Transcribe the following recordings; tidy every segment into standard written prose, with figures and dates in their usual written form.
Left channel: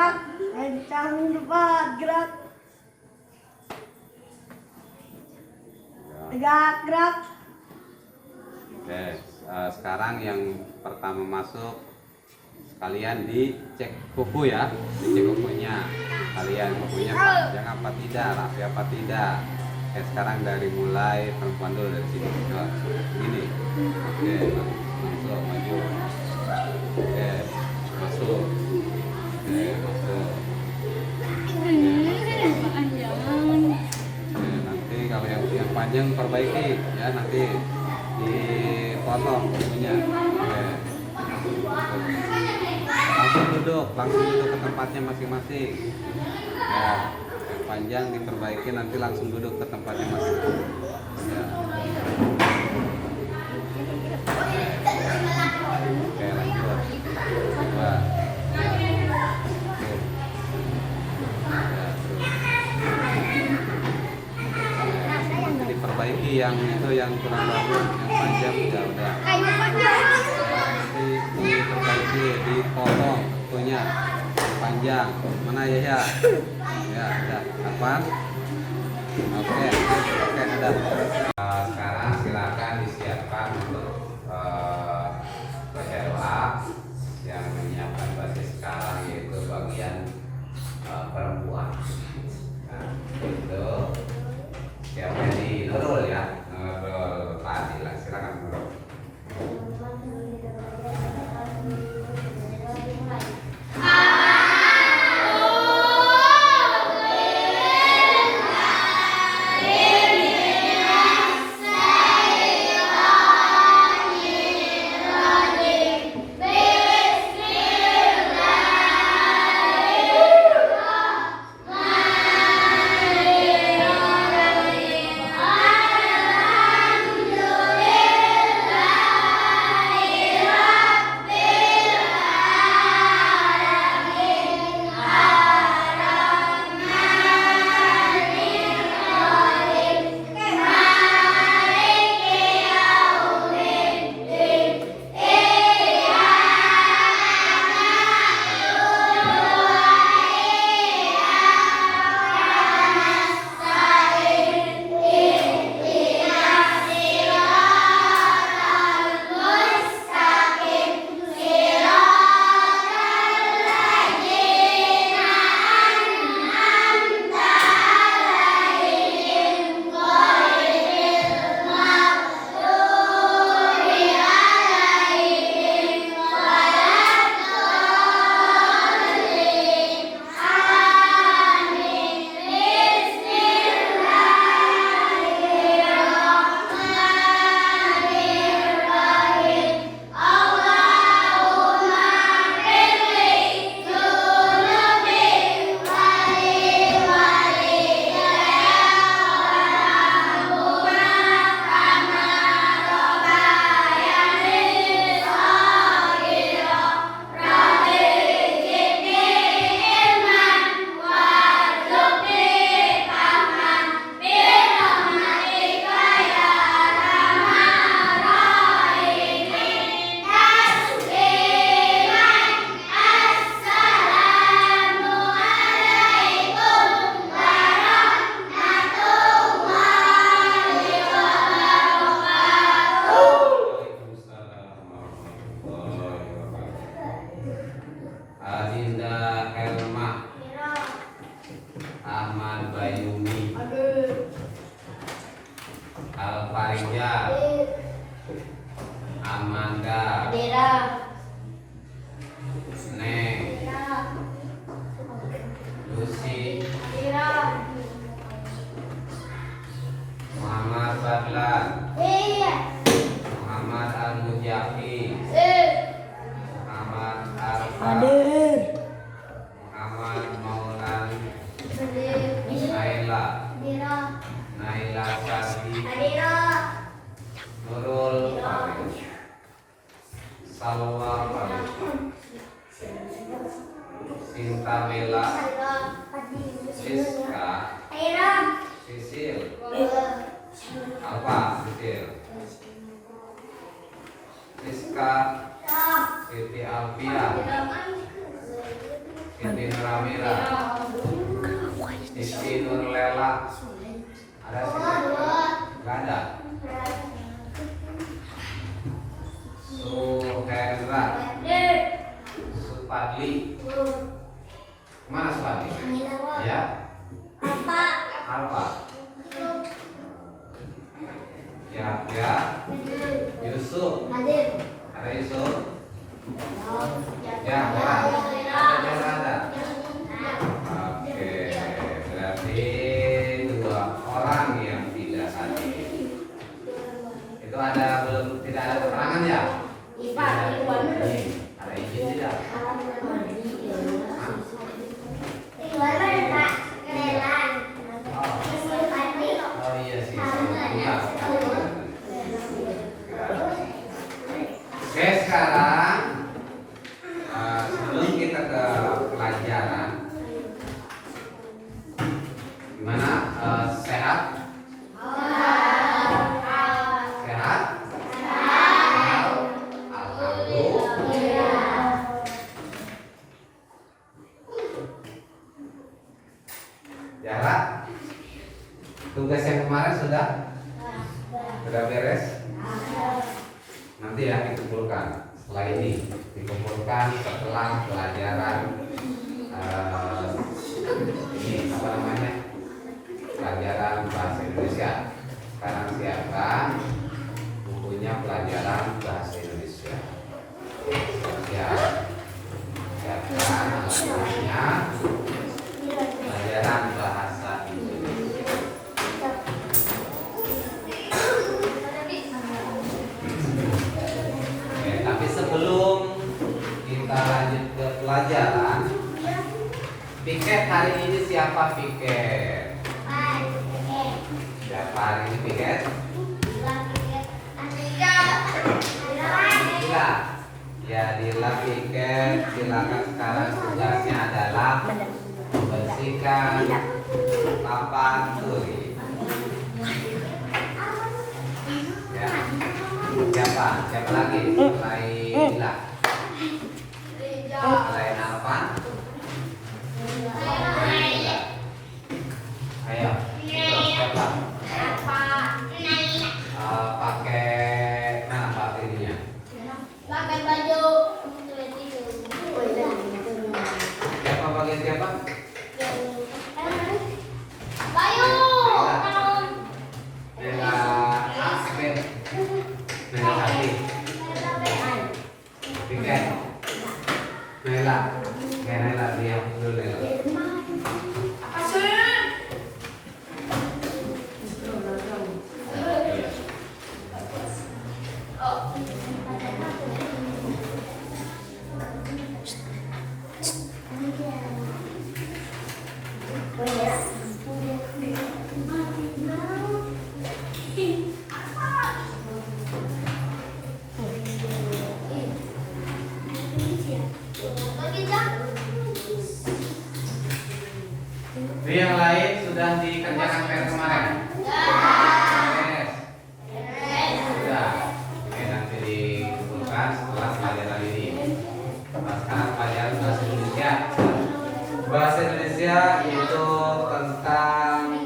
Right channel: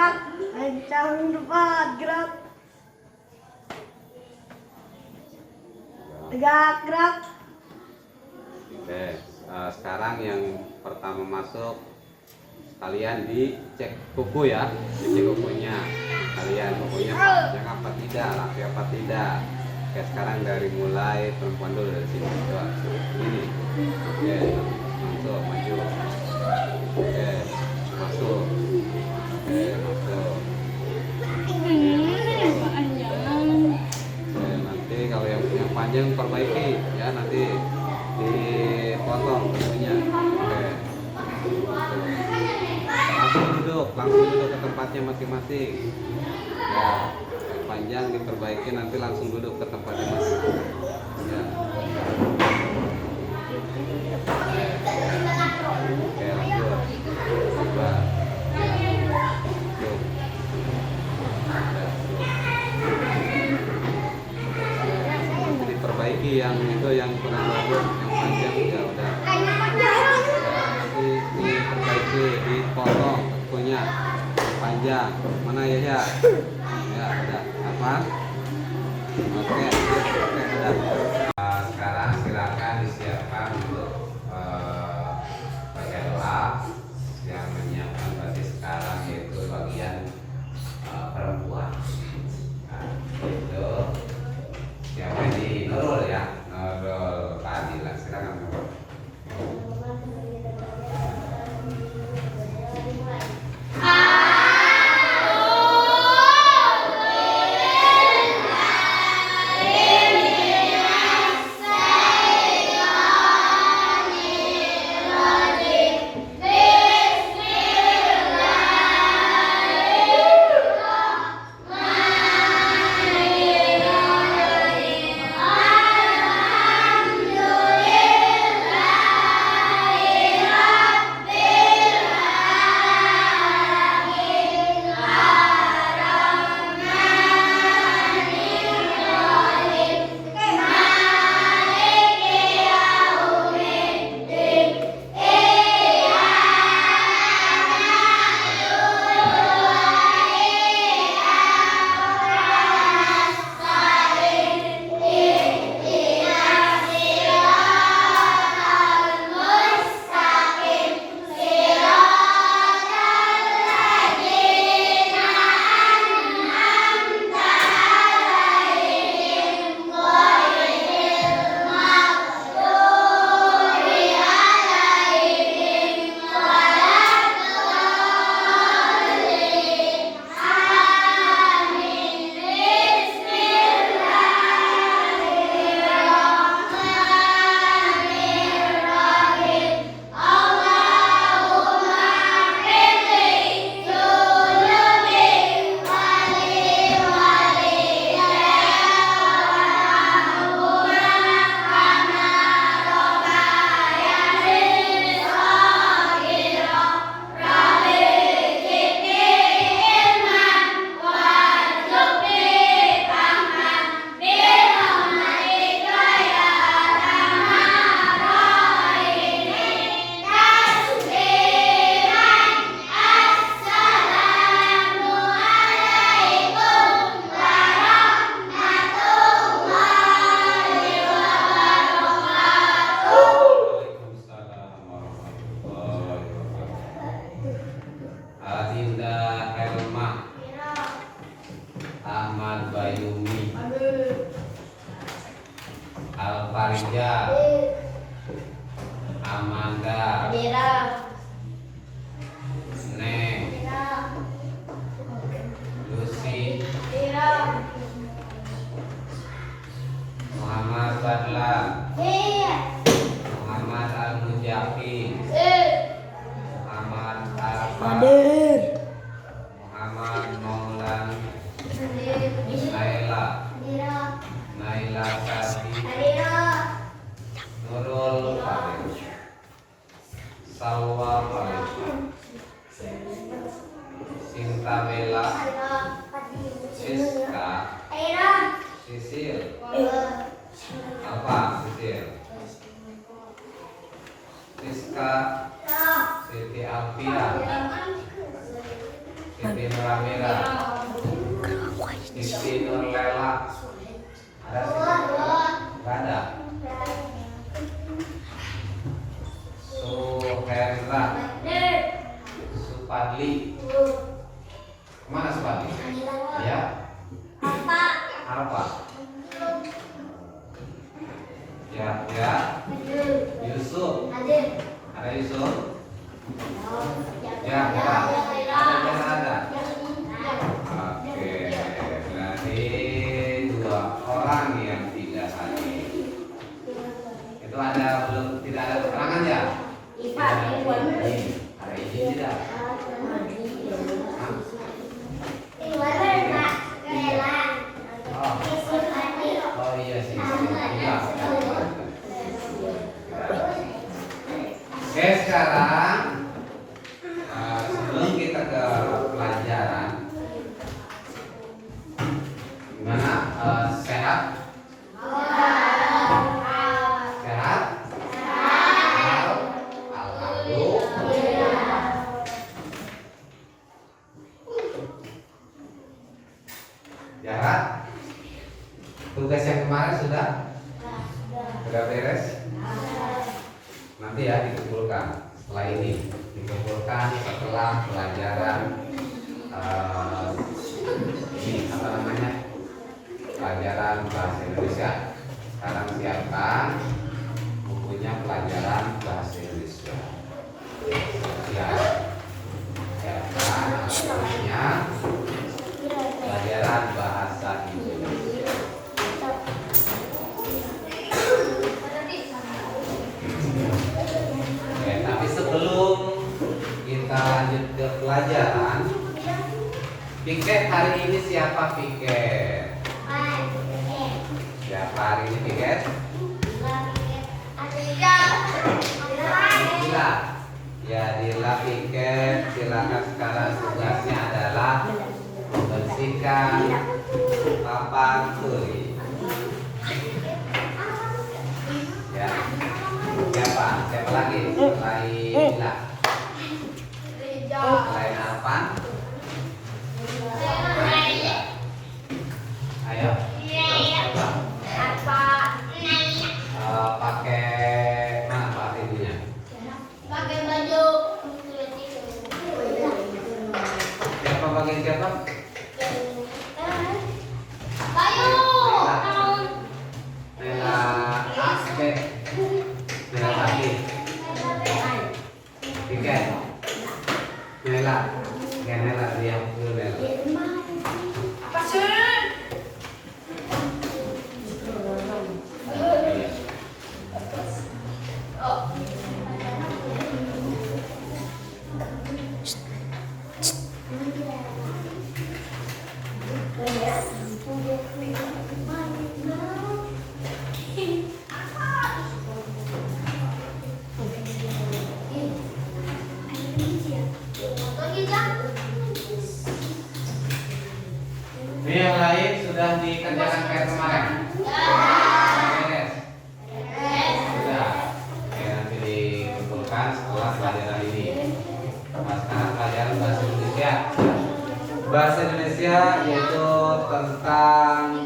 gerak, kencang depan, gerak. Tegak, gerak. Oke, sekarang yang pertama masuk kalian dicek kuku ya, dicek kukunya. Kalian kukunya panjang apa tidak, rapi apa tidak. Oke, sekarang dari mulai perempuan dulu dari sini. Wah, ini. Oke, masuk, maju. Oke, masuk. Oke, masuk. Oke, nanti kalau yang punya panjang perbaiki ya, nanti dipotong kukunya. Oke. Langsung duduk ke tempatnya masing-masing. Ya, yang panjang diperbaiki, nanti langsung duduk ke tempatnya masing-masing. Ya. Oke, lanjut. Ya. Diperbaiki yang itu, yang kurang bagus, yang panjang udah. Nanti diperbaiki, dipotong kukunya panjang. Mana ya? Ya, udah. Apa? Oke, udah. Sekarang silakan disiapkan untuk baca doa yang menyiapkan basis sekarang, yaitu bagian perempuan. Nah, itu siapa di Nurul ya? Nurul Pak Adila, silakan Nurul. Adinda Helma, Ahmad Bayumi, Alfarijal, Amanda, Neng, Lucy, Muhammad Badlan, Muhammad Al-Mujafi, Muhammad Arfan, Muhammad Maulan, Naila Sardi, Nurul Farid, Salwa Farid, Sinta Bella, Siska, Sisil, apa Sisil, Siska, Siti Alfian, Siti Nurawira, Siti Nurlela. Ada Siti Nurlela? Nggak ada. Suhendra, Supadli. Mana Supadli? Ya. Alfa. Ya. Yusuf. Ada Yusuf? Ya, ada. Oke, berarti 2 orang yang tidak hadir. Itu ada belum tidak ada keterangan ya? Ada izin tidak? Oh iya sih. Oke, sekarang sebelum kita ke pelajaran, gimana? Sehat? Sehat? Alhamdulillah. Jarak? Tugas yang kemarin sudah beres? Nanti ya dikumpulkan. Setelah ini dikumpulkan setelah pelajaran ini apa namanya, pelajaran bahasa Indonesia. Sekarang siapkan bukunya pelajaran bahasa Indonesia. Siapkan bukunya pelajaran bahasa Indonesia. Oke, tapi sebelum kita lanjut ke pelajaran, piket hari ini siapa piket? Siapa hari ini piket? Dila. Ya, Dila piket. Silakan sekarang tugasnya adalah membersihkan papan turi. Ya. Siapa lagi? Selain Dila. Selain Arfan. Ayo. Siapa? Pakai mana Pak ininya? Pakai baju. Siapa bagian siapa? Nela AB. Nela AB. Piket. Nela. Ya Nela dia dulu Nela. Apa sih? Iya. Ini yang lain sudah dikerjakan PR kemarin? Yes. Sudah. Oke, nanti dikumpulkan setelah pelajaran ini. Nah, sekarang pelajaran bahasa Indonesia. Bahasa Indonesia yaitu tentang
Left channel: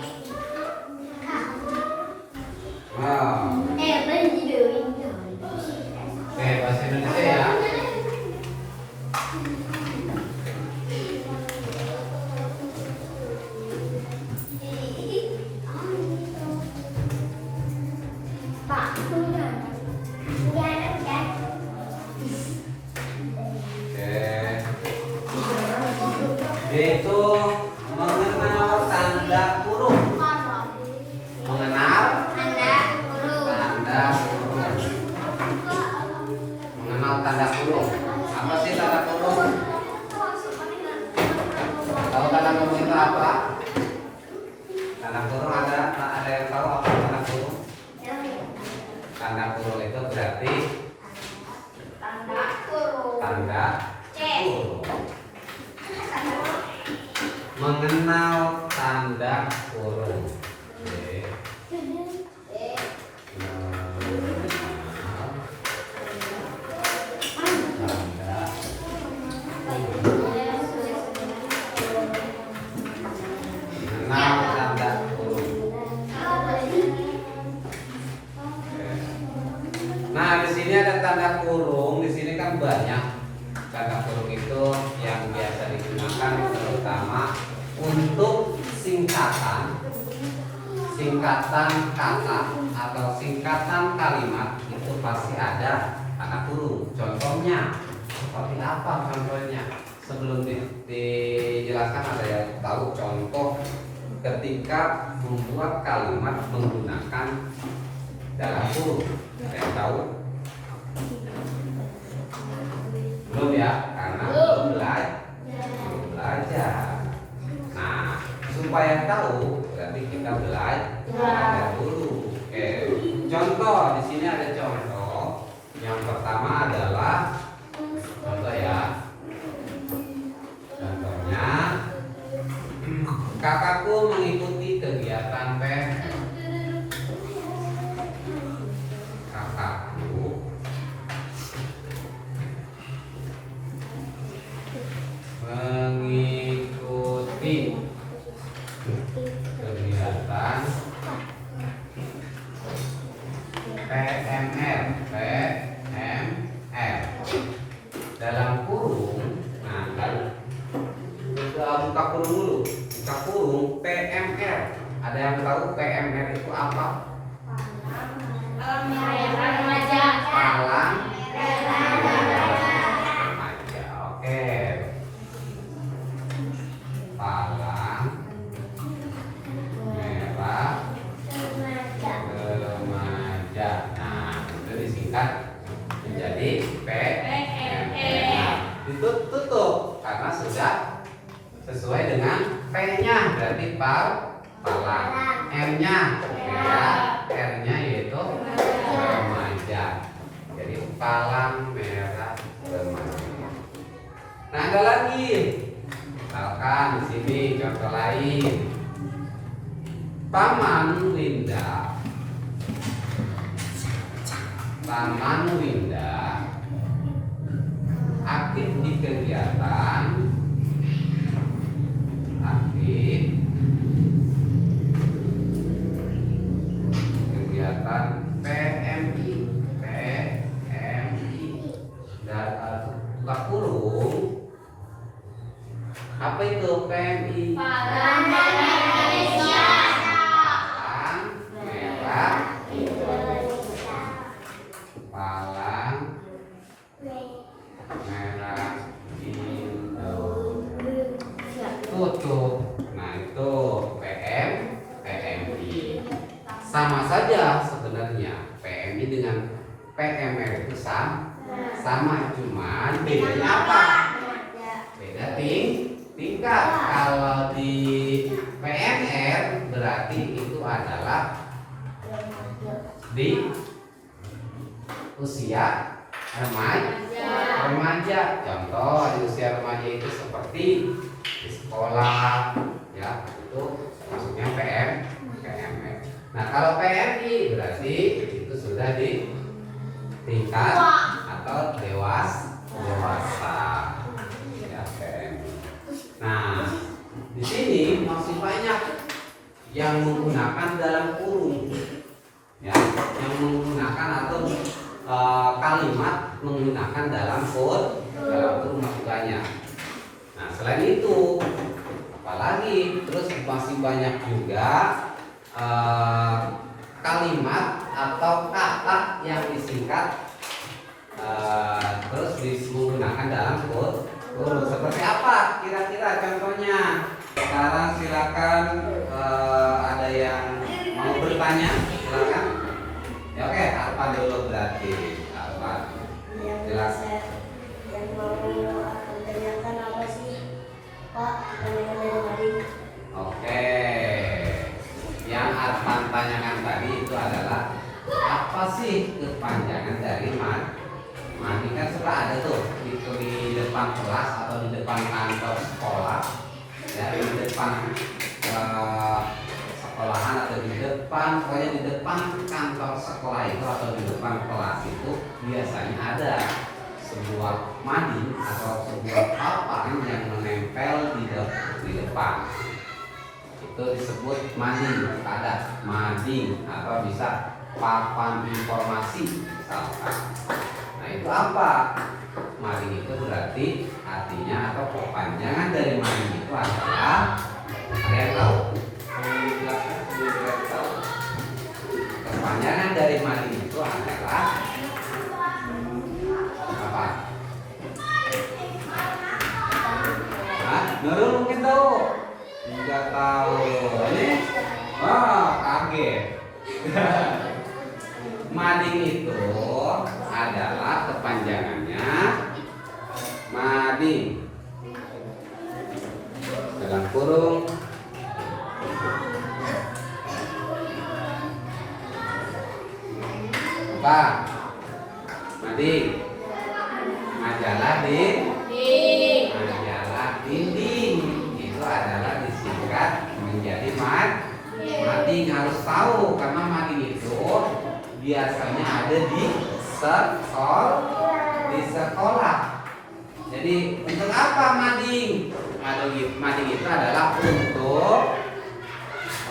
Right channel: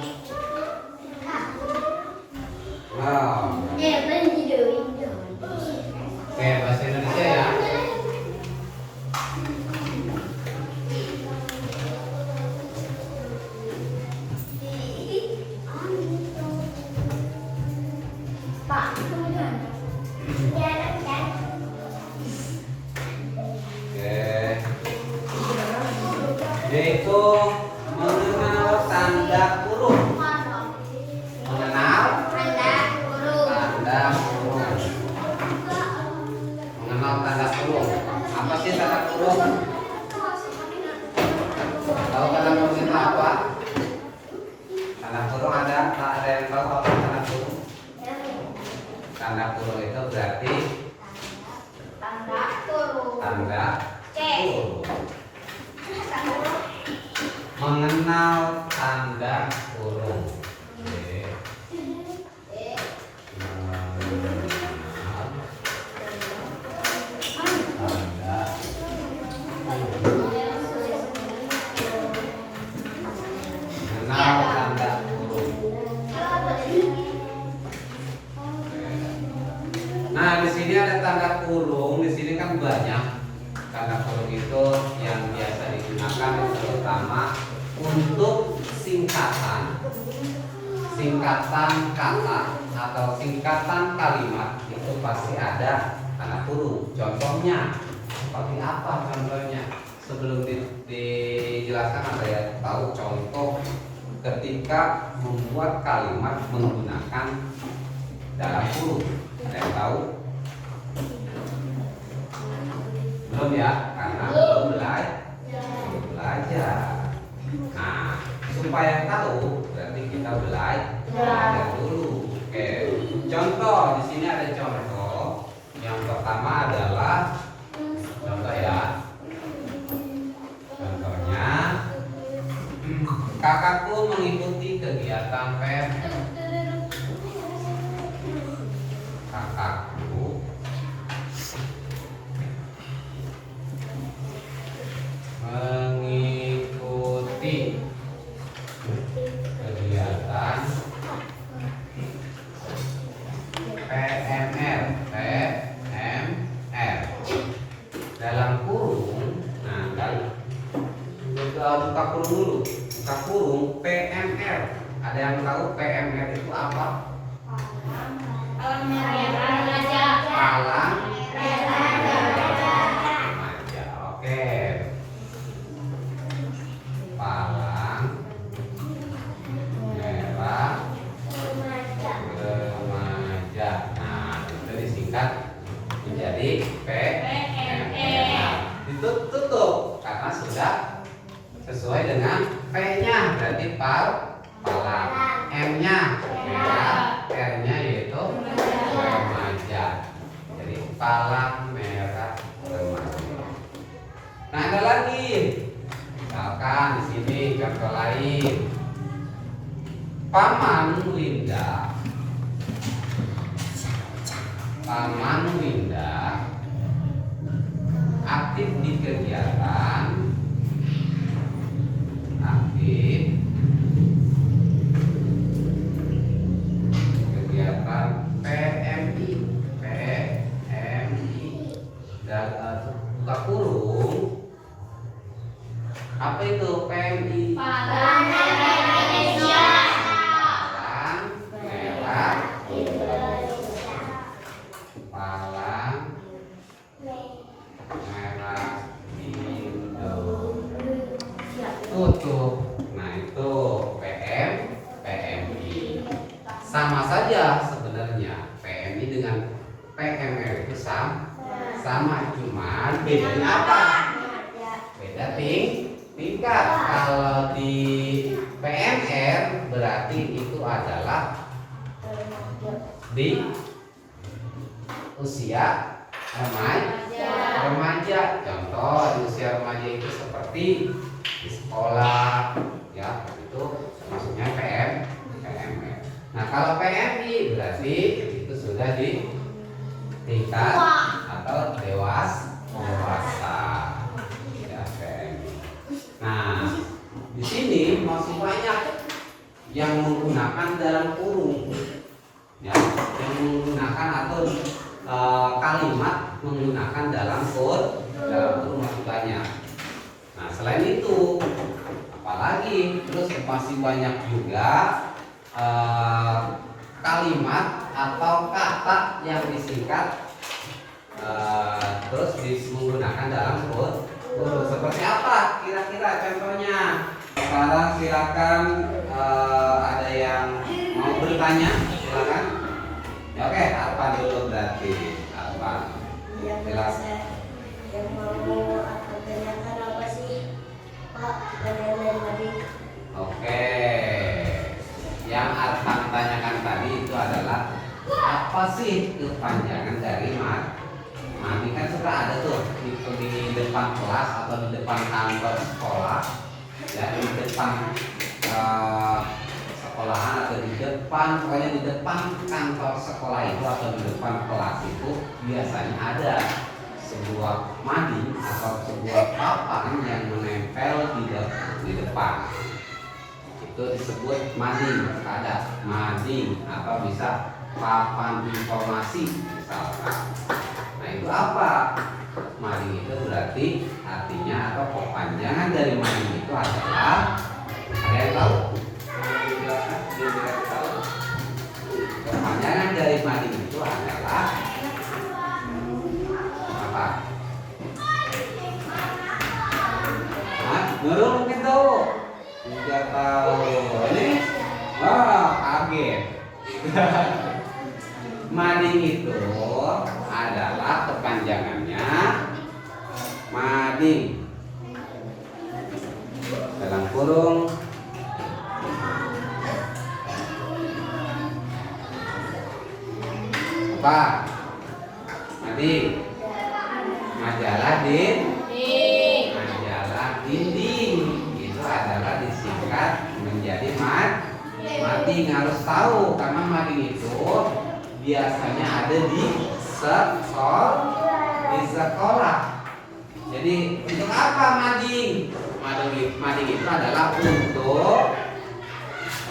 Oke, bahasa Indonesia ya. Yaitu mengenal tanda kurung. Mengenal tanda kurung. Mengenal tanda kurung. Apa sih tanda kurung? Tahu tanda kurung itu apa? Tanda kurung ada yang tahu apa tanda kurung? Tanda kurung itu berarti tanda kurung. Mengenal tanda kurung. Mengenal tanda kurung. untuk singkatan kata atau singkatan kalimat itu pasti ada tanda kurung. Contohnya seperti apa contohnya? Sebelum dijelaskan ada yang tahu contoh ketika membuat kalimat menggunakan dalam kurung. Ada yang tahu? Belum ya? Karena belum belajar. Nah, supaya tahu berarti kita belajar dulu. Oke. Contoh di sini ada contoh. Yang pertama adalah contoh ya. Contohnya kakakku mengikuti kegiatan PMR. Kakakku mengikuti kegiatan PMR dalam kurung. Nah, buka kurung dulu. Buka kurung PMR. Ada yang tahu PMR itu apa? Remaja. Palang remaja. Oke. Palang merah remaja. Nah, itu disingkat menjadi PMR. Nah, ditutup karena sudah sesuai dengan P-nya, berarti palang. M-nya merah, R-nya yaitu remaja. Jadi palang merah remaja. Nah, ada lagi. Misalkan di sini contoh lain. Paman Winda aktif di kegiatan PMI dan buka kurung. Apa itu PMI? Palang Merah Indonesia. Palang merah Palang merah Indonesia. Tutup. Nah, itu PMI. Sama saja sebenarnya PMI dengan PMR itu sama, cuma bedanya apa? Beda tingkat. Kalau di PMR berarti itu adalah di usia remaja. Contoh di usia remaja itu seperti di sekolah, ya itu masuknya PMR. Nah, kalau PMI berarti itu sudah di tingkat atau dewasa. Ya, PMI. Nah, di sini masih banyak yang menggunakan dalam kurung. Ya, yang menggunakan atau kalimat menggunakan dalam kurung masih banyak. Nah, selain itu apalagi terus masih banyak juga kalimat atau kata yang disingkat terus menggunakan dalam kurung. Seperti apa kira-kira contohnya? Sekarang silakan ada yang mau bertanya, silakan. Oke, Arfa dulu berarti. Arfa, jelas. Yang mau tanyakan apa sih, Pak? Pertanyaan dari tadi. Oke. Yang Arfan tanyakan tadi itu adalah apa sih kepanjangan dari mami? Kan suka ada tuh itu di depan kelas atau di depan kantor sekolah, ya di depan sekolahan atau di depan, pokoknya di depan kantor sekolah itu atau di depan kelas itu biasanya ada sebuah mading atau sebuah papan yang menempel di depan. Itu disebut mading, ada mading atau bisa papan informasi misalkan. Nah, itu apa? Mading itu berarti artinya atau kepanjangan dari mading itu adalah Belum mungkin tahu. Tidak tahu. Ini kaget. Mading itu adalah kepanjangannya mading dalam kurung apa? Mading majalah majalah dinding itu adalah disingkat menjadi mading. Harus tahu karena mading itu biasanya ada di sekolah. Jadi untuk apa mading? Mading itu adalah untuk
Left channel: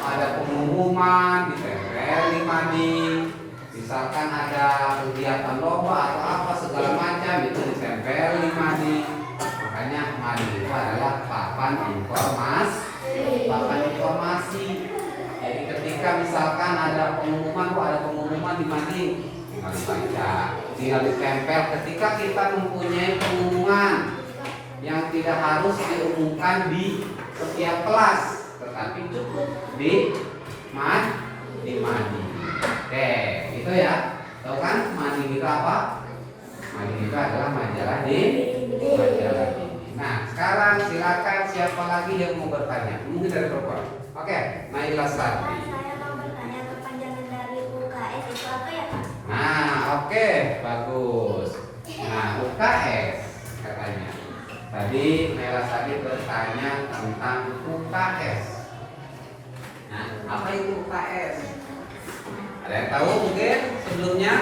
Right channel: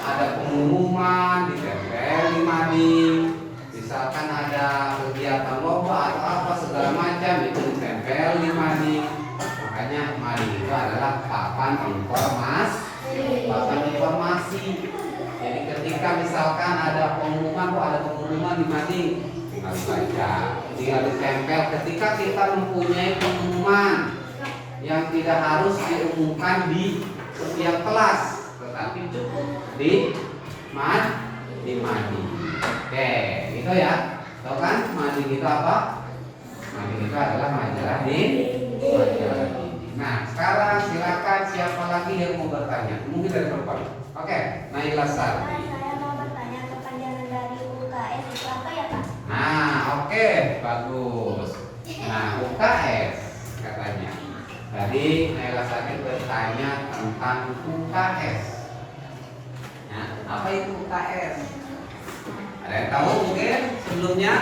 ada pengumuman ditempel di mading. Misalkan ada kegiatan lomba atau apa segala macam itu ditempel di mading. Makanya mading itu adalah papan informasi. Jadi ketika misalkan ada pengumuman di mading, tinggal dibaca, tinggal ditempel. Ketika kita mempunyai pengumuman yang tidak harus diumumkan di setiap kelas, tetapi cukup di mading. Oke, gitu ya. Tahu kan mading itu apa? Mading itu adalah majalah dinding. Nah, sekarang silakan siapa lagi yang mau bertanya? Mungkin dari perempuan. Oke, Naila Sari. Saya mau bertanya kepanjangan dari UKS itu apa ya, Pak? Nah, oke, bagus. Nah, UKS katanya. Tadi Naila Sari bertanya tentang UKS. Nah, apa itu UKS? Ada yang tahu mungkin sebelumnya?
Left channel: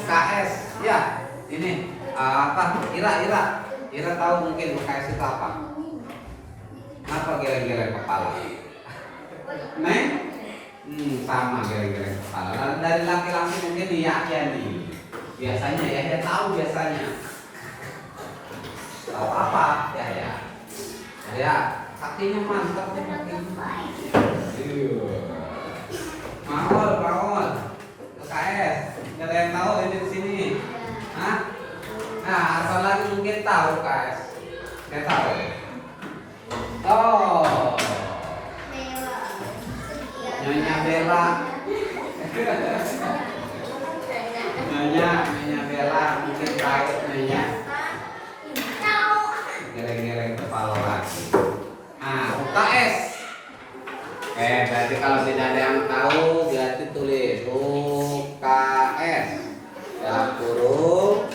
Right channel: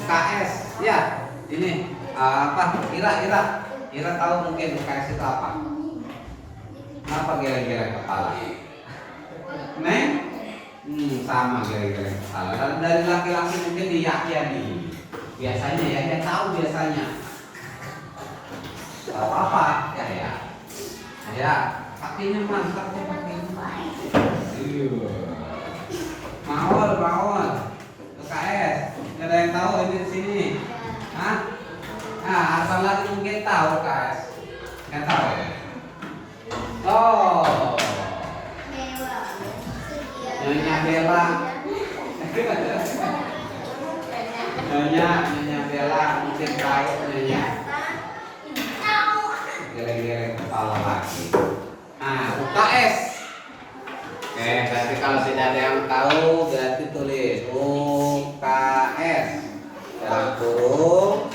UKS, ya. Ini apa? Ira tahu mungkin UKS itu apa? Kenapa geleng-geleng kepala? Neng? Sama geleng-geleng kepala. Dari laki-laki mungkin diyakini. Biasanya ya tahu biasanya. Tahu apa? Ya, kakinya mantap ya kakinya. Mawar. UKS. Nggak ada yang tahu ini di sini. Hah? Nah, asal lagi mungkin tahu UKS. Nggak tahu ya? Oh, Nyonya Bella. Nyonya Bella mungkin tahu Nyonya. Geleng-geleng kepala lagi. Nah, UKS. Berarti kalau tidak ada yang tahu berarti tulis UKS dalam kurung.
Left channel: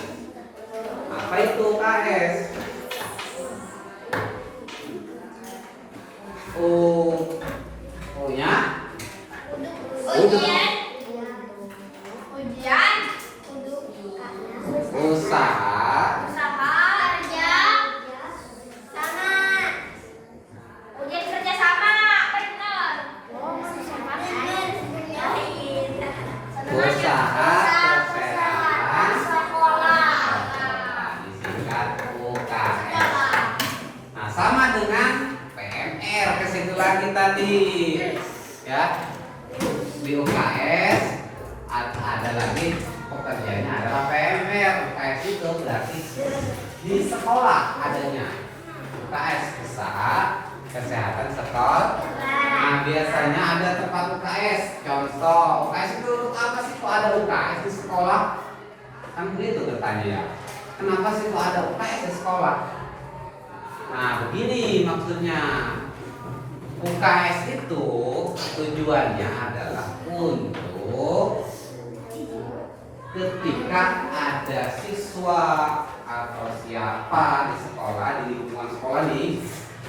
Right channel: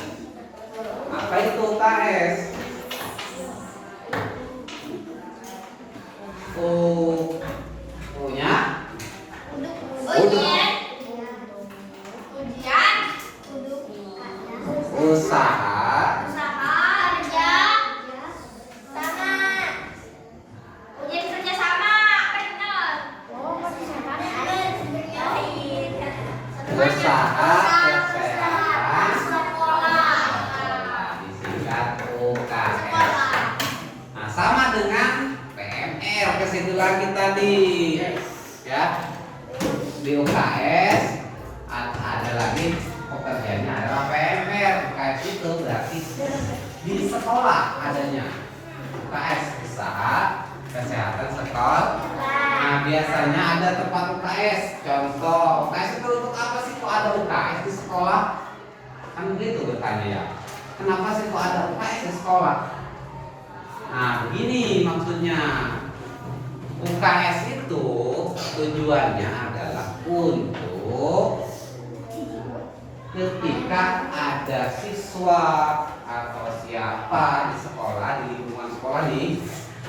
Apa itu UKS? Usaha kesehatan disingkat UKS. Nah, sama dengan PMR ke situ lagi tadi ya. Di UKS ada lagi pekerjaannya adalah PMR. UKS itu berarti di sekolah adanya. UKS usaha kesehatan sekolah. Nah, biasanya ada tempat UKS. Contoh, UKS itu untuk apa sih kok ada UKS di sekolah? Kan begitu bertanya ya. Kenapa sih kok ada UKS di sekolah? Nah, begini maksudnya. UKS itu tujuannya adalah untuk ketika ada siswa atau siapa di sekolah, di lingkungan sekolah nih,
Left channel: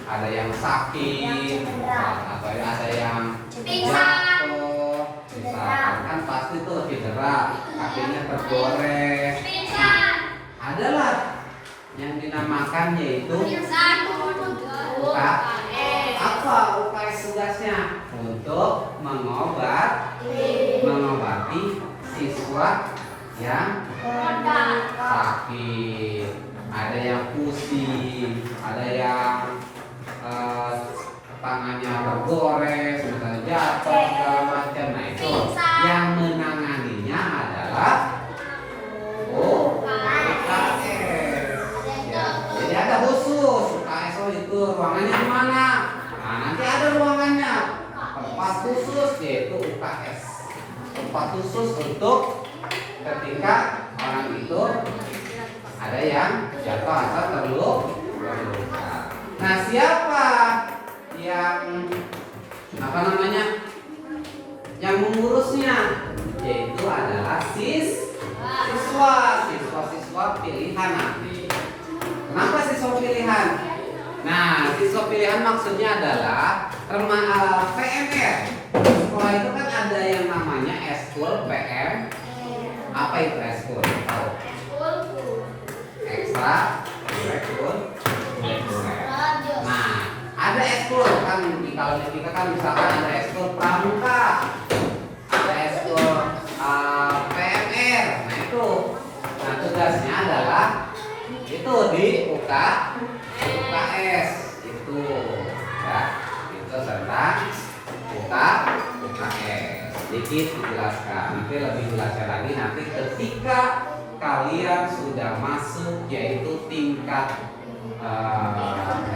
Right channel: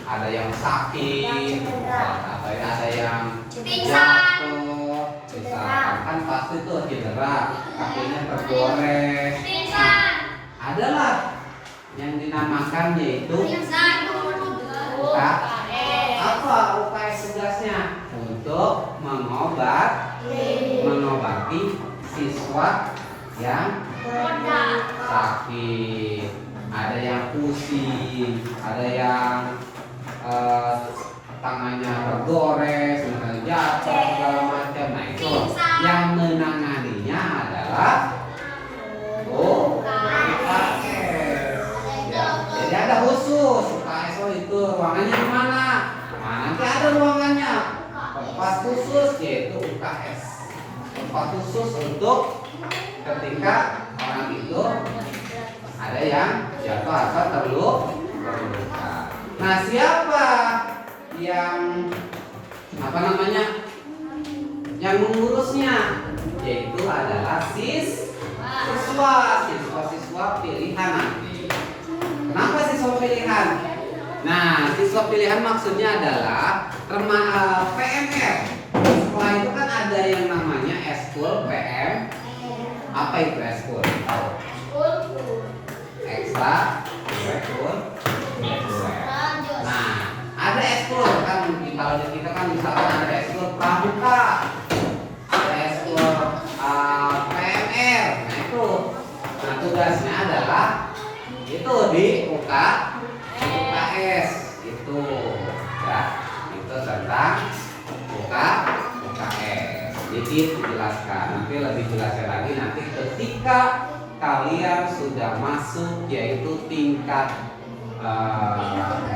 ada yang sakit atau ada yang jatuh, misalkan kan pasti tuh cedera, kakinya tergores. Nah, adalah yang dinamakan yaitu apa UKS tugasnya? Untuk mengobati siswa yang sakit, ada yang pusing, ada yang tangannya tergores, misalnya jatuh segala macam. Nah, itu yang menanganinya adalah UKS. Ya, jadi ada khusus UKS itu ruangannya di mana? Nah, nanti ada ruangannya. Tempat khusus yaitu UKS. Tempat khusus untuk ketika orang itu ada yang jatuh atau terluka. Nah, siapa yang yang mengurusnya? Yaitu adalah siswa pilihan nanti. Kenapa siswa pilihan? Nah, siswa pilihan maksudnya adalah PMR. Setelah itu kan ada yang namanya eskul PM. Apa itu eskul? Tahu? Ekstra kurikuler. Nah, ada eskul kan kalau di kita kan misalkan ada eskul pramuka, ada eskul PMR. Nah itu, nah tugasnya adalah itu di UKS itu ya, itu tentang UKS. Sedikit dijelaskan, nanti lebih jelaskan lagi nanti ketika kalian sudah masuk yaitu tingkat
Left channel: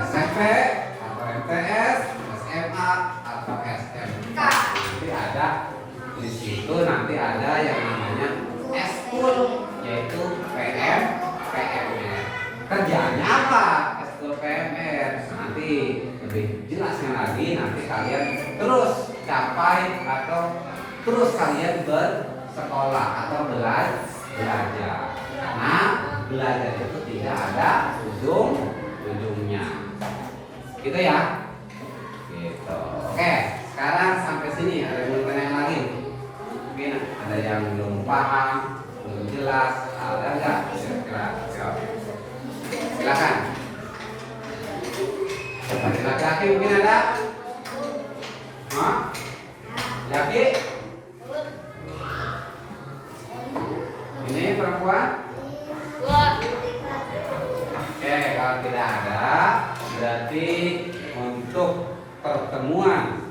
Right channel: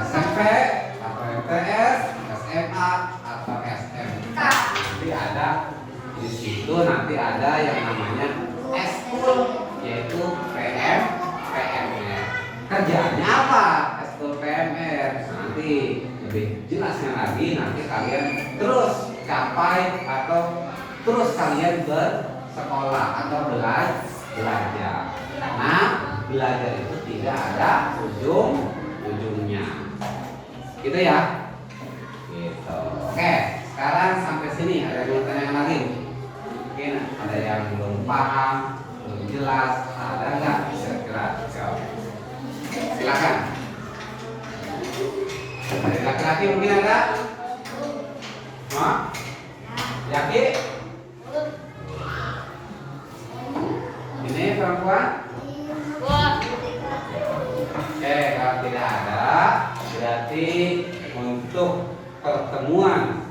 SMP atau MTS, SMA atau SMK. Nanti ada di situ nanti ada yang namanya eskul yaitu PMR. Kerjaannya apa? Eskul PMR. Nanti lebih jelasnya lagi nanti kalian terus capai atau terus kalian bersekolah atau belajar. Nah, belajar itu tidak ada ujungnya. Gitu ya. Gitu. Oke, sekarang sampai sini ada yang tanya lagi? Mungkin ada yang belum paham, belum jelas, ada enggak? Kira-kira jawab. Silakan. Ada laki-laki mungkin ada? Hah? Yakin? Ini perempuan? Oke, kalau tidak ada, berarti untuk pertemuan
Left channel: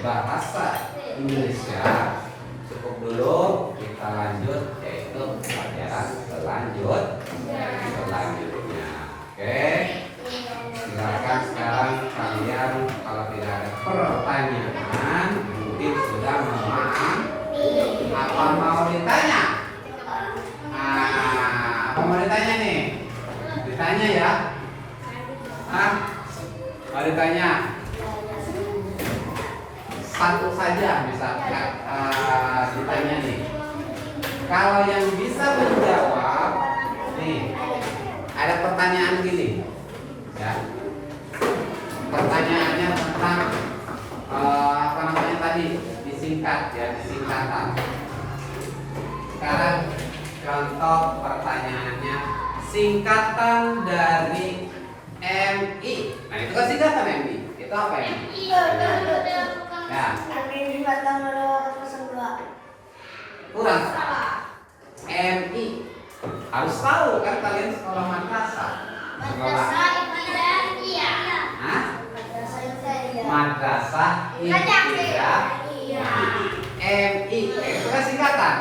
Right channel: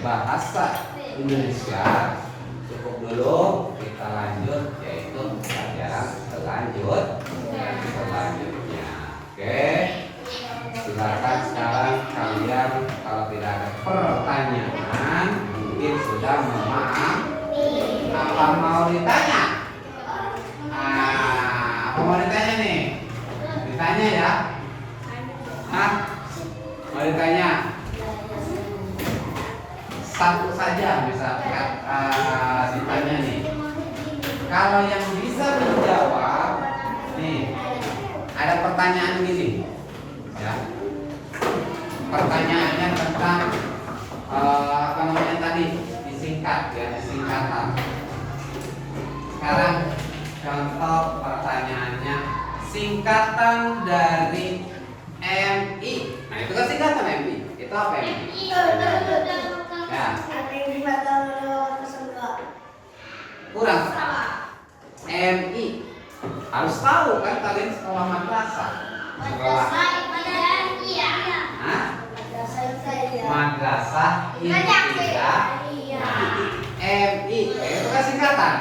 bahasa Indonesia cukup dulu. Kita lanjut yaitu pelajaran selanjutnya. Oke, silakan sekarang kalian kalau tidak ada pertanyaan mungkin sudah memahami. Apa mau ditanya? Apa mau ditanya nih? Ditanya ya? Hah? Mau ditanya? Satu saja bisa ditanya nih. Kalau yang bisa menjawab nih, ada pertanyaan gini ya. Pertanyaannya tentang apa namanya tadi? Disingkat ya, singkatan. Sekarang contoh pertanyaannya, singkatan dari MI. Nah itu kan singkatan MI. Itu apa MI? Ya. Kurang. MI. Harus tahu kan kalian sekolah madrasah. Sekolah. Hah? Madrasah Ibtidaiyah. MI. Itu kan singkatan.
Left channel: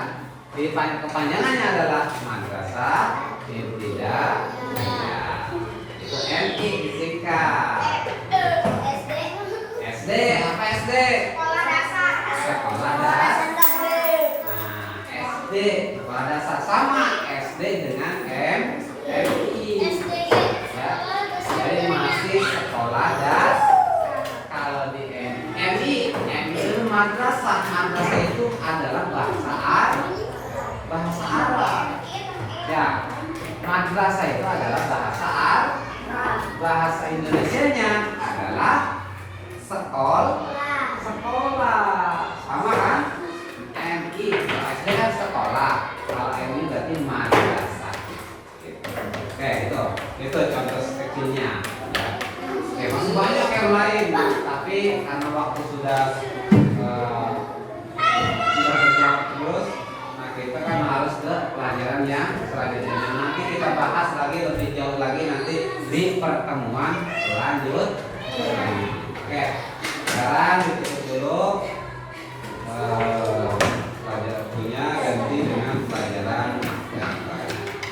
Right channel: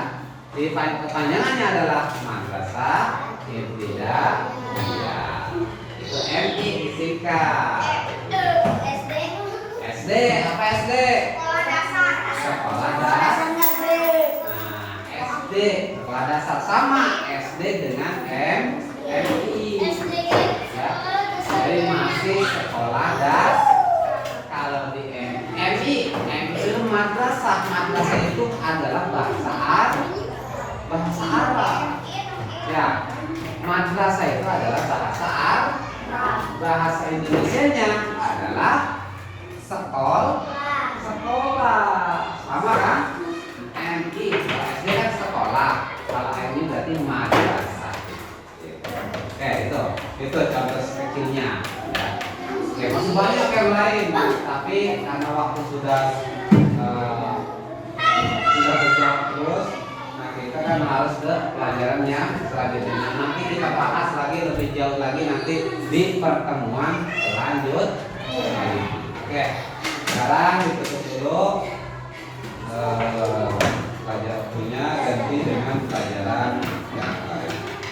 Kepanjangannya adalah Madrasah Ibtidaiyah. Itu MI disingkat. SD apa SD? Sekolah dasar. Nah, SD sekolah dasar sama SD dengan MI. Ya. Jadi masih sekolah dasar. Kalau di MI itu madrasah. Madrasah itu adalah bahasa Arab. Ya, madrasah itu adalah bahasa Arab. Bahasa Indonesianya adalah sekolah. Sama kan? MI SD kan sekolah. Kalau MI berarti madrasah. Oke, itu contoh kecilnya. Ya. Oke, masih banyak yang lain, tapi karena waktu sudah berjalan terus. Kita kan harus ke pelajaran yang selanjutnya. Nanti kita bahas lagi lebih jauh lagi nanti di pertemuan selanjutnya. Oke, sekarang ditutup dulu.